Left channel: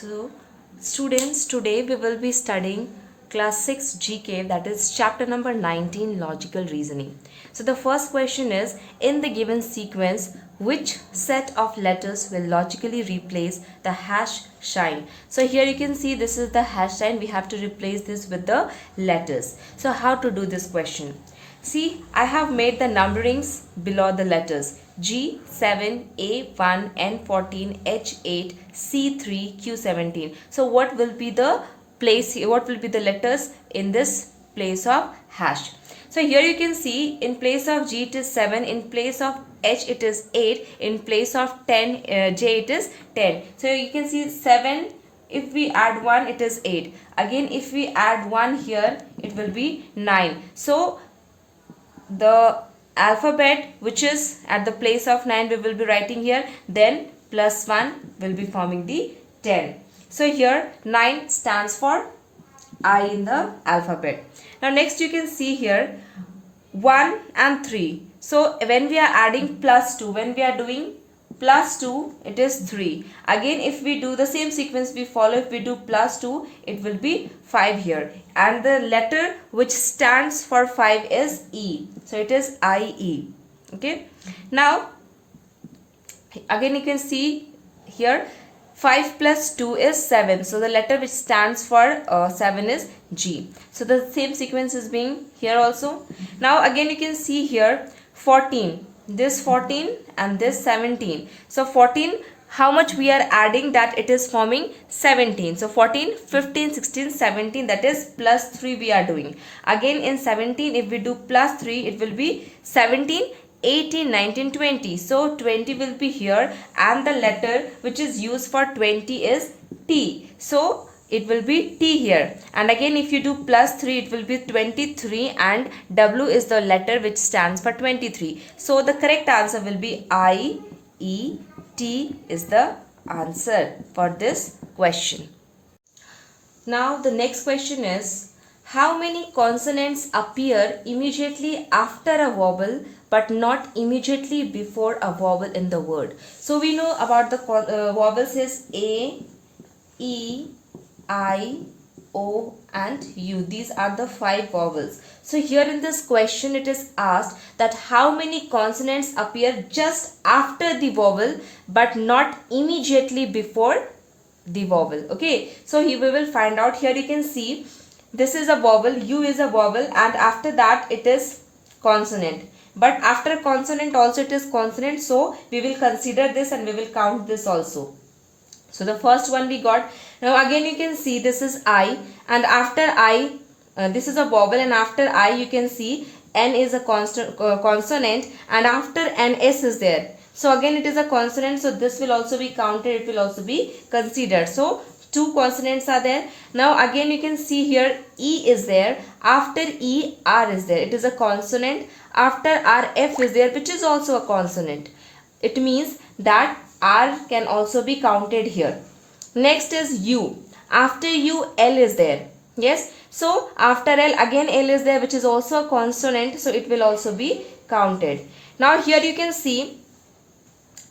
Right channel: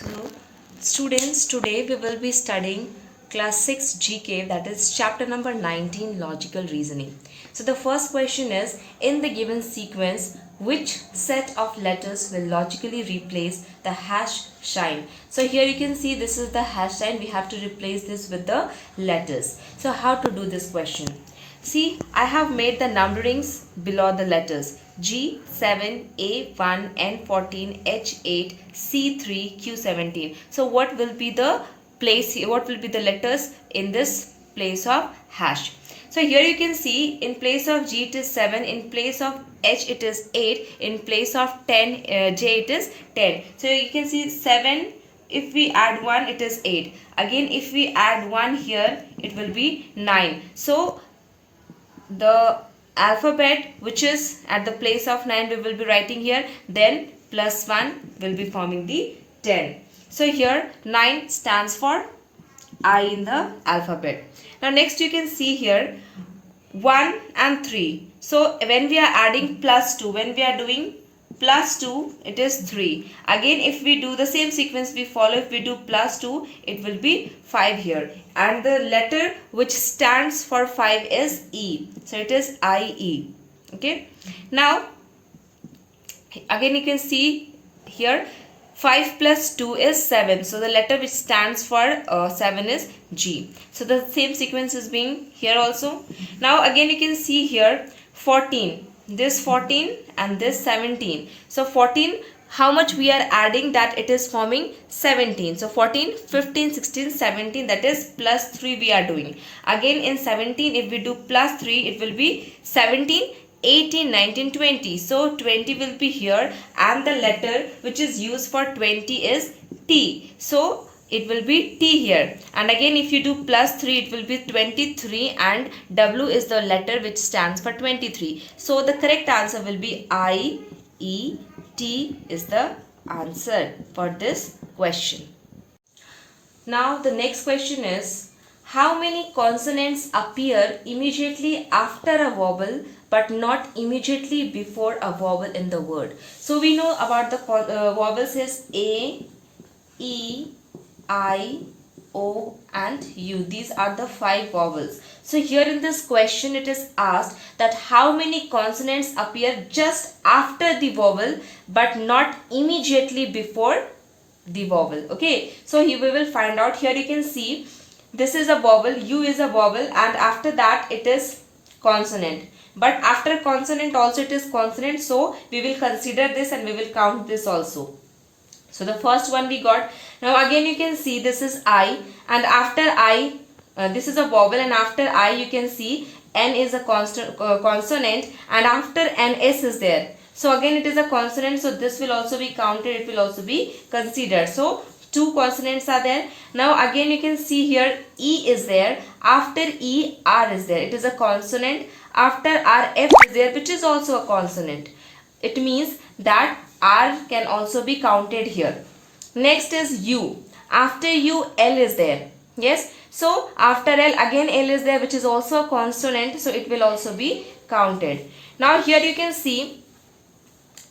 So, students, today we will be studying class 6 GK, that is chapter number 19, logical reasoning. So, the first question is, in the given sequence, which set of letters will logically replace the hash sign? So, here you can see this is the hash sign. We have to replace this with the letters. So, how to do this question? See, I have made the numberings below the letters G7, A1, N14, H8, C3, Q17. So what will be the place, what will be the letters in this place of hash? So here you can see in place of G it is 7, in place of H it is 8, in place of 10, J it is 10. So you can see 7, if we add 1 it is 8. Again if we add 1 here it will be 9. So the alphabet which is at the place of 9 we will be writing here, then plus 1 will be forming the 10. So here 9 stands for I in the alphabet. Now next you can see here 1 and 3. So when we are adding plus 2, when we are doing plus 2 it is 3. Again if we do the same sequence we follow, if we do plus 2 it will be 5 here, and the letter which stands for 5 is E. So it is IE. Okay. Now again you can see here 5 plus 2 is 7. So the letter which stands for 7 is G. So the same sequence is being here also. Now again you can see here 14. This 14 and this 17. So 14, how much we are adding, that it is forming 17. So 14, 15, 16, 17, that is plus 3 we are doing. Again in 17 if we do plus 3 it will be 17, 18, 19, 20. So 20 will be here, and the letter which is used for 20 is T. So it will be T here, and again if you do plus 3 it will be 23, and W is the letter which stands for 23. So the correct answer will be I, E, T is the answer for this question. Now the next question is, how many consonants appear immediately after a vowel but not immediately before a vowel in the word? So we know about the vowels is A, E, I, O and U. These are the 5 vowels. So here in this question it is asked that how many consonants appear just after the vowel but not immediately before the vowel. Okay, so here we will find out. Here you can see this is a vowel, U is a vowel, and after that it is consonant. But after consonant also it is consonant, so we will consider this and we will count this also. So the first one we got. Now again you can see this is I, and after I, this is a vowel, and after I you can see N is a consonant, and after N S is there. So again it is a consonant, so this will also be counted, it will also be considered. So 2 consonants are there. Now again you can see here E is there, after E R is there, it is a consonant, after R F is there which is also a consonant. It means that R can also be counted here. Next is U. After U L is there. Yes. So after L again L is there which is also a consonant. So it will also be counted. Now here you can see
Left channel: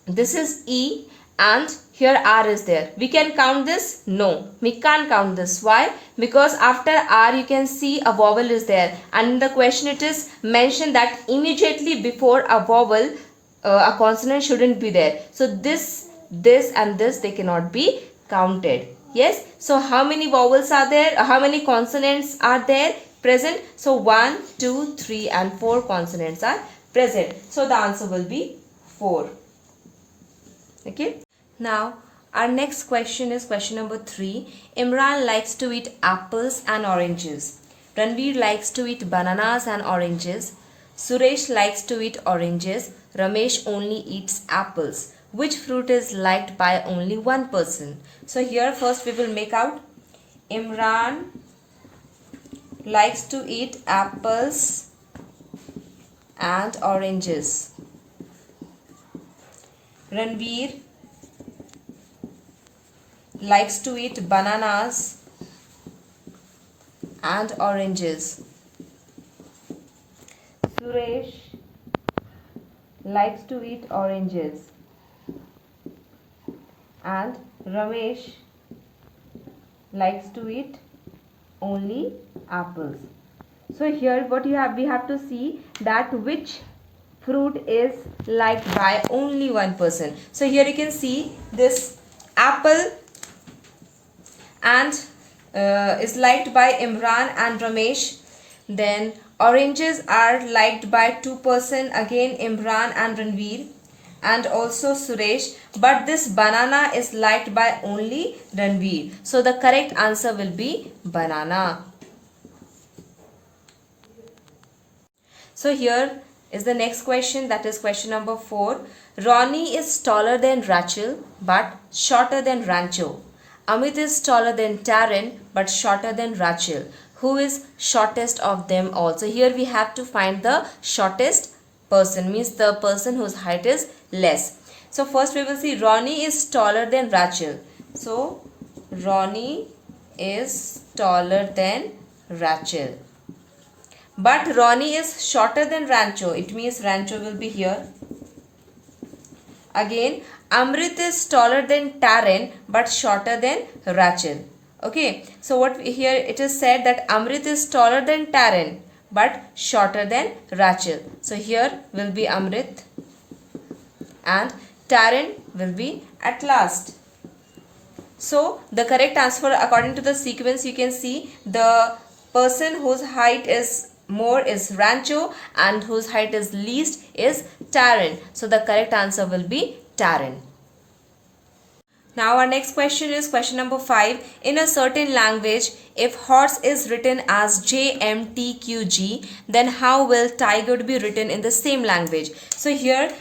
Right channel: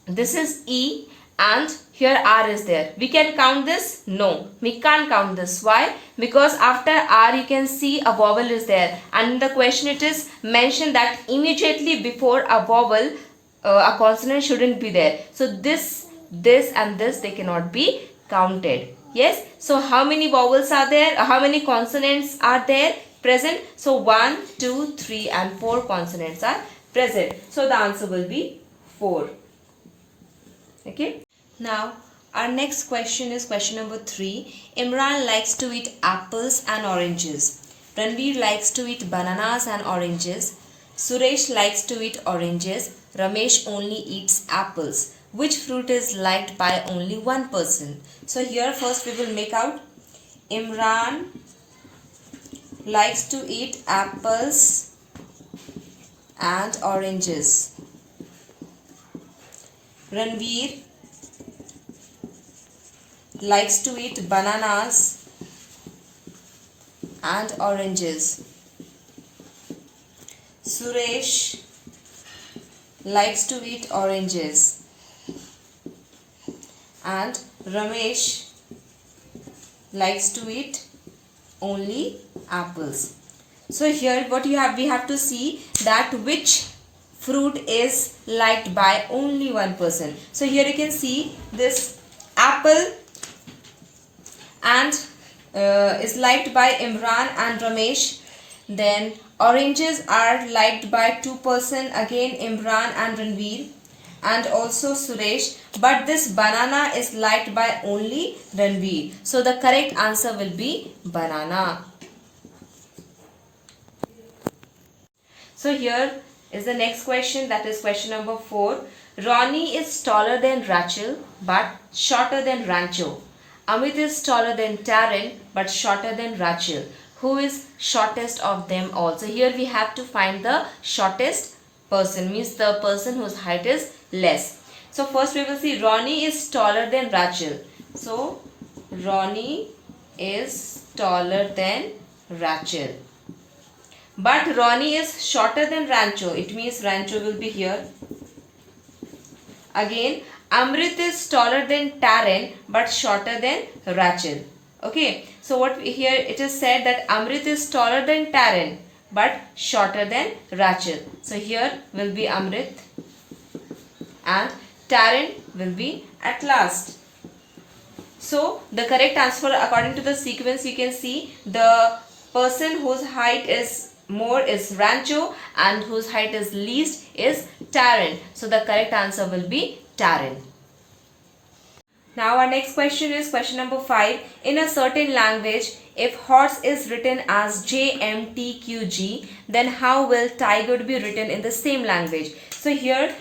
this is E and here R is there. We can count this? No. We can't count this. Why? Because after R you can see a vowel is there. And in the question it is mentioned that immediately before a vowel a consonant shouldn't be there. So this and this they cannot be counted. Yes. So how many vowels are there? How many consonants are there present? So 1, 2, 3 and 4 consonants are present. So the answer will be 4. Okay. Now our next question is question number 3. Imran likes to eat apples and oranges. Ranveer likes to eat bananas and oranges. Suresh likes to eat oranges. Ramesh only eats apples. Which fruit is liked by only one person? So here first we will make out. Imran likes to eat apples and oranges. Ranveer likes to eat bananas and oranges. Suresh likes to eat oranges, and Ramesh likes to eat only apples. So here what we have to see that which fruit is liked by only one person. So here you can see this apple and is liked by Imran and Ramesh. Then oranges are liked by two person, again Imran and Ranveer, and also Suresh. But this banana is liked by only Ranveer. So the correct answer will be banana. So here is the next question, that is question number 4. Ronnie is taller than Rachel but shorter than Rancho. Amit is taller than Taryn but shorter than Rachel. Who is shortest of them all? So here we have to find the shortest person, means the person whose height is less. So first we will see Ronnie is taller than Rachel. So Ronnie is taller than Rachel. But Ronnie is shorter than Rancho. It means Rancho will be here. Again, Amrit is taller than Taryn but shorter than Rachel. Okay. So what here it is said that Amrit is taller than Taryn but shorter than Rachel. So here will be Amrit and Taryn will be at last. So the correct answer according to the sequence, you can see the person whose height is more is Rancho and whose height is least is Taryn. So the correct answer will be Taryn. Now our next question is question number 5. In a certain language, if horse is written as JMTQG, then how will tiger be written in the same language? So here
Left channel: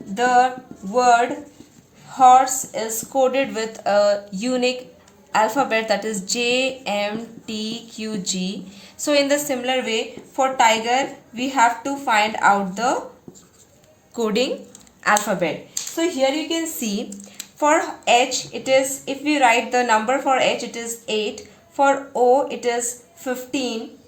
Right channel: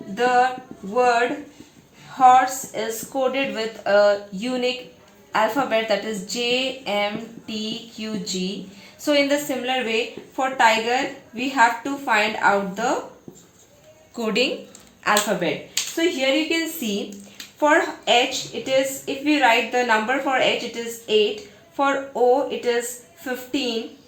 the word horse is coded with a unique alphabet, that is JMTQG. So in the similar way, for tiger we have to find out the coding alphabet. So here you can see for H it is, if we write the number for H it is 8, for O it is 15,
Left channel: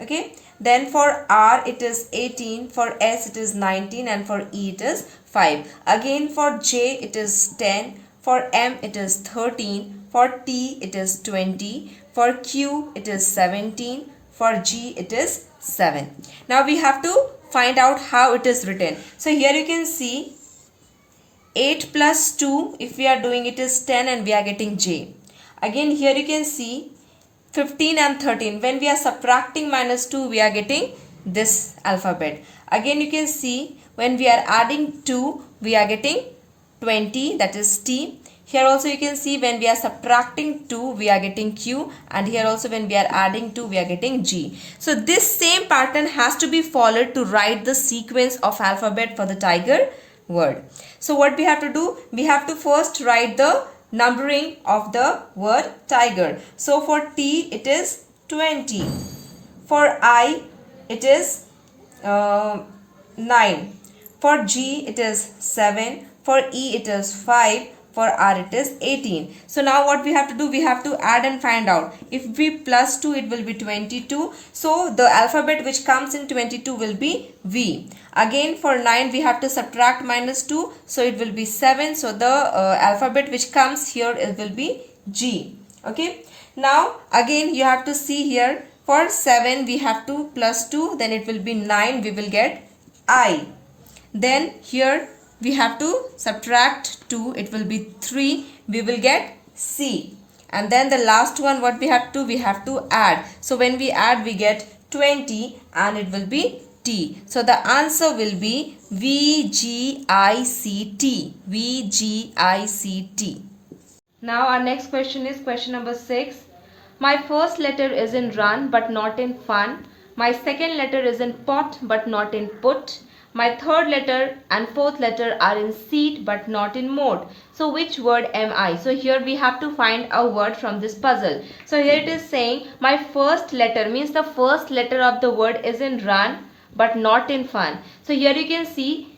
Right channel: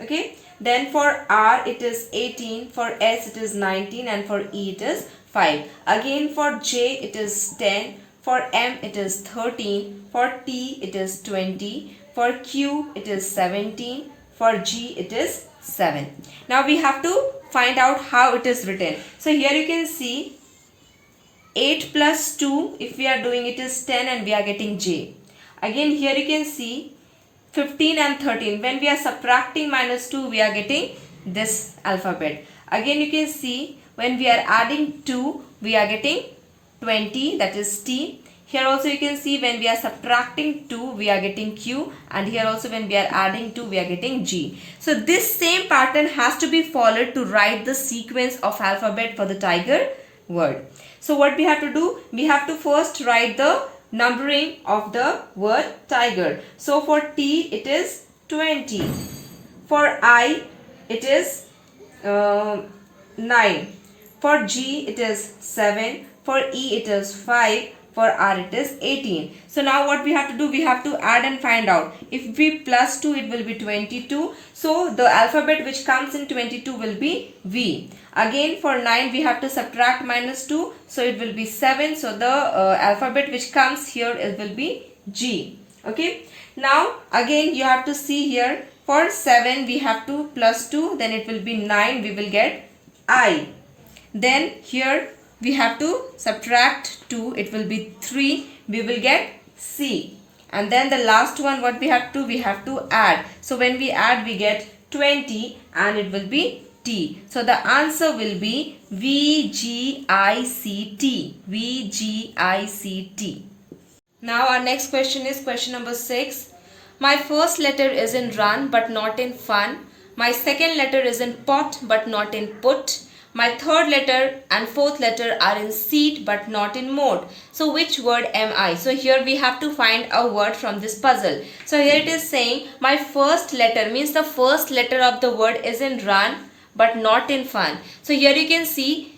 okay. Then for R it is 18, for S it is 19, and for E it is 5. Again for J it is 10, for M it is 13, for T it is 20, for Q it is 17, for G it is 7. Now we have to find out how it is written. So here you can see 8 plus 2, if we are doing it is 10 and we are getting J. Again here you can see 15 and 13. When we are subtracting minus 2, we are getting this alphabet. Again you can see when we are adding 2, we are getting 20, that is T. Here also you can see when we are subtracting 2, we are getting Q, and here also when we are adding 2, we are getting G. So this same pattern has to be followed to write the sequence of alphabet for the tiger word. So what we have to do? We have to first write the numbering of the word tiger. So for T it is 20. For I it is 9. For G it is 7. For E it is 5. For R it is 18. So now what we have to do? We have to add and find out. If we plus 2, it will be 22. So the alphabet which comes in 22 will be V. Again for 9 we have to subtract minus 2. So it will be 7. So the alphabet which comes here, it will be G. Okay. Now again you have to see here. For 7 we have to plus 2. Then it will be 9. We will get I. Then here we have to subtract 2, it will be 3, we will get C. And then the last one, what we have to add. So when we add, we get 20 and it will be T. So the answer will be VGICT. VGICT. Now our next question is question number 6. My first letter is in run but not in fun. My second letter is in pot but not in put. My third letter and fourth letter are in seat but not in mode. So which word am I? So here we have to find a word from this puzzle. So here it is saying my first letter, means the first letter of the word is in run but not in fun. So here you can see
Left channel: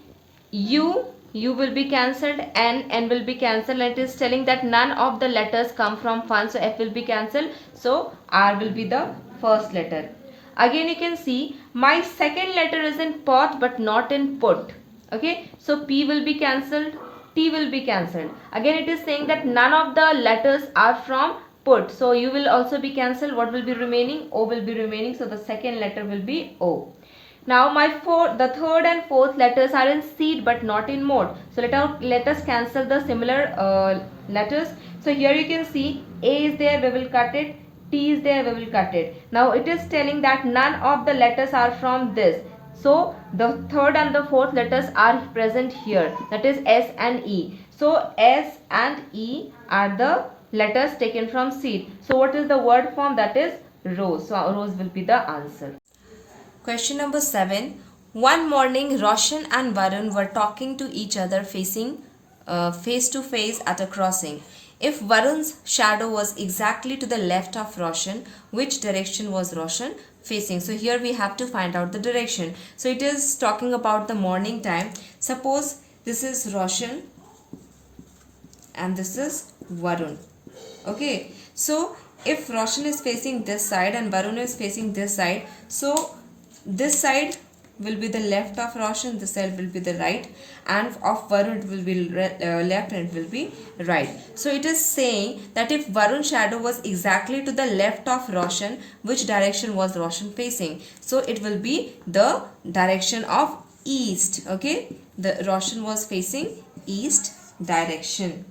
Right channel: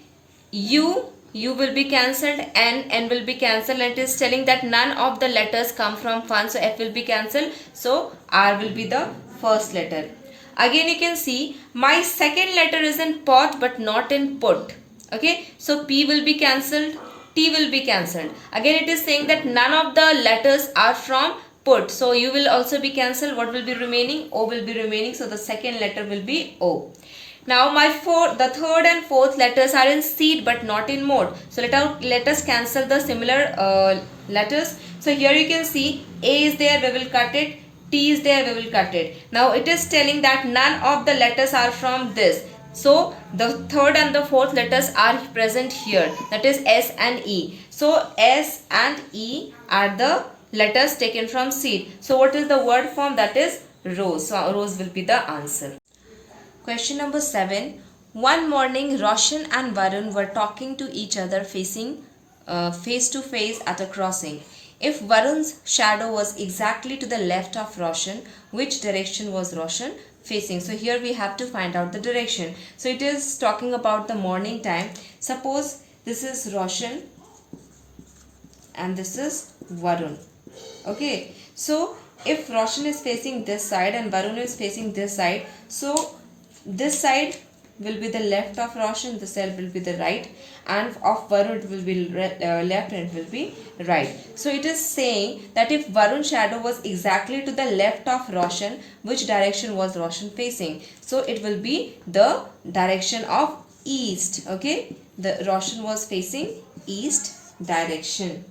U will be cancelled, N will be cancelled. It is telling that none of the letters come from fun. So F will be cancelled. So R will be the first letter. Again you can see my second letter is in pot but not in put. Okay, so P will be cancelled, T will be cancelled. Again it is saying that none of the letters are from put. So U will also be cancelled. What will be remaining? O will be remaining. So the second letter will be O. Now the third and fourth letters are in seed but not in mode. So let us cancel the similar letters. So here you can see A is there, we will cut it. T is there, we will cut it. Now it is telling that none of the letters are from this. So the third and the fourth letters are present here. That is S and E. So S and E are the letters taken from seed. So what is the word form? That is rose. So rose will be the answer. Question number 7. One morning, Roshan and Varun were talking to each other facing face to face at a crossing. If Varun's shadow was exactly to the left of Roshan, which direction was Roshan facing? So here we have to find out the direction. So it is talking about the morning time. Suppose this is Roshan and this is Varun. Okay. So if Roshan is facing this side and Varun is facing this side, so this side will be the left of Roshan, this side will be the right, and of Varun it will be left and it will be right. So it is saying that if Varun's shadow was exactly to the left of Roshan, which direction was Roshan facing? So it will be the direction of east. Okay, the Roshan was facing east direction.